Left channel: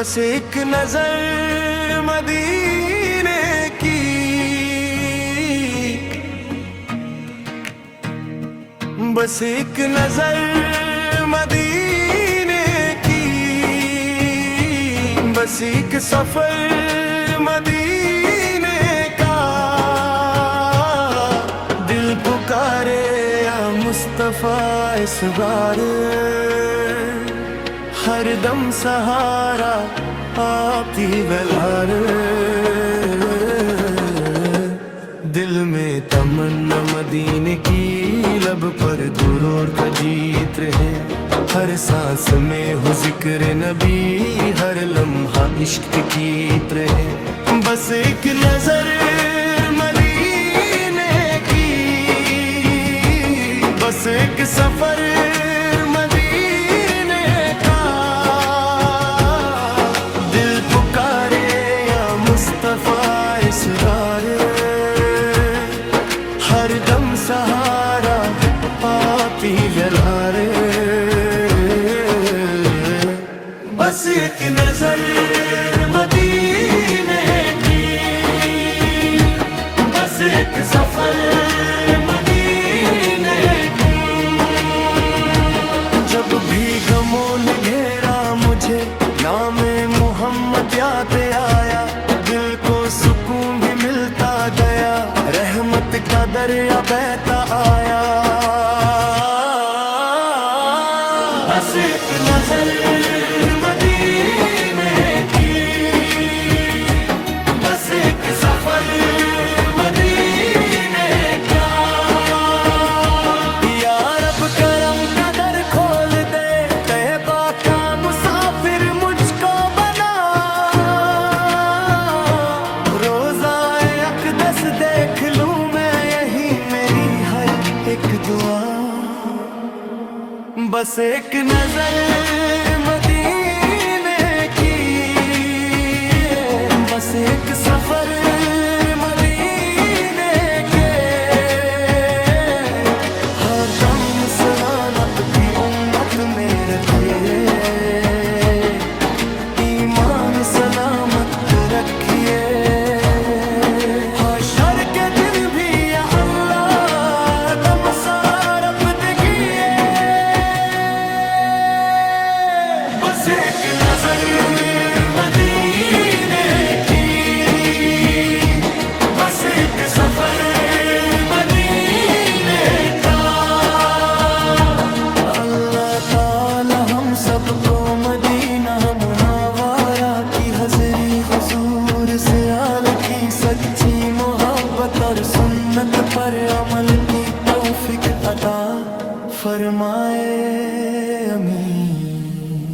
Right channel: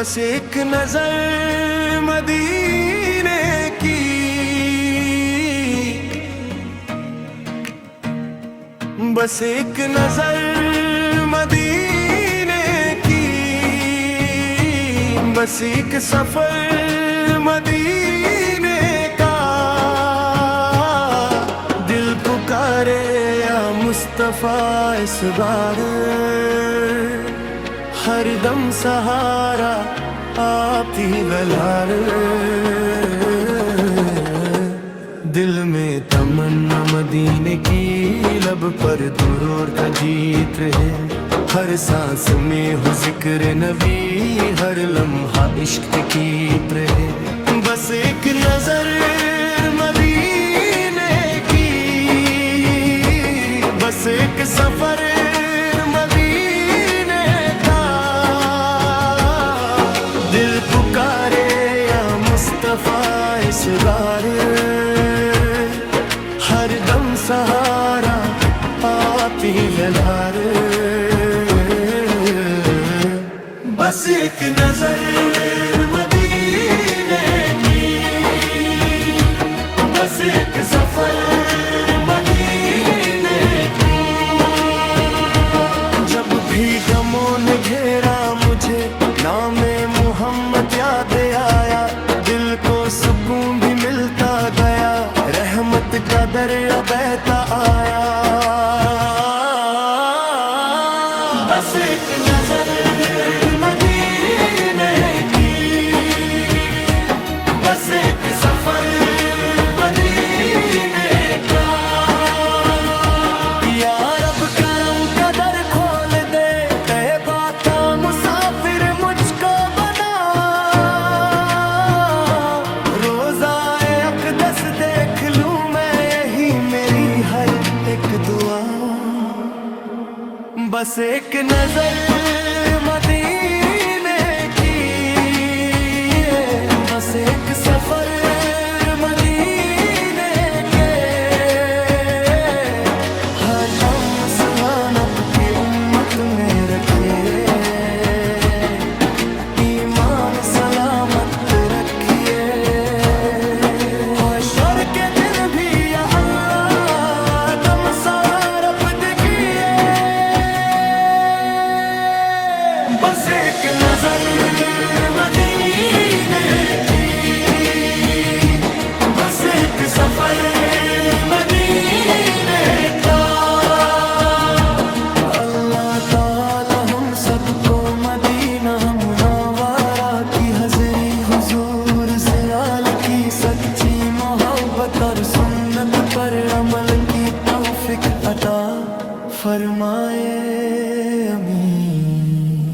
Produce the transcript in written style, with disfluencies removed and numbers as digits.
بس ایک نظر مدینے کی، بس ایک نظر مدینے کی، بس ایک سفر مدینے کا، دل پکارے یا مصطفیٰ اس بار، ہر دم سہارا آپ ہی بلار، دل میں تمنا مدینے کی، لب پر درود کا جیت رہے، ہر سانس میں ہو ذکر نبی، ہر لمحہ عشق کی رہے، بس ایک نظر مدینے کی، بس ایک سفر مدینے کا، دل پکارے یا مصطفیٰ اس بار، ہر دم سہارا آپ ہی جلار، بس ایک نظر مدینے کی، بس ایک سفر مدینے کا، جب بھی غموں نے گھیرا مجھے نام محمد یاد آیا، دل کو سکون بھی ملتا گیا، رحمت کا دریا بہتا آیا، بس ایک نظر مدینے کی، بس ایک سفر مدینے کا، یا رب کرم کا در کھول دے، طیبہ کا مسافر مجھ کو بنا، روزہ اقدس دیکھ لوں میں، یہی میری ہر ایک دعا، بس ایک نظر مدینے کی، بس ایک سفر مدینے کے، ہر دم سہانت کی امت میں رکھیے، ایمان سلامت رکھیے، حشر کے دن بھی یا اللہ دم سارف دکھیے، بس ایک نظر مدینے کی، بس ایک سفر مدینے کا، اللہ تعالی ہم سب کو مدینہ منورہ کی حضری، حضور سے آل کی سچی محبت اور سنت پر عمل کی توفیق عطا فرمائے، آمین۔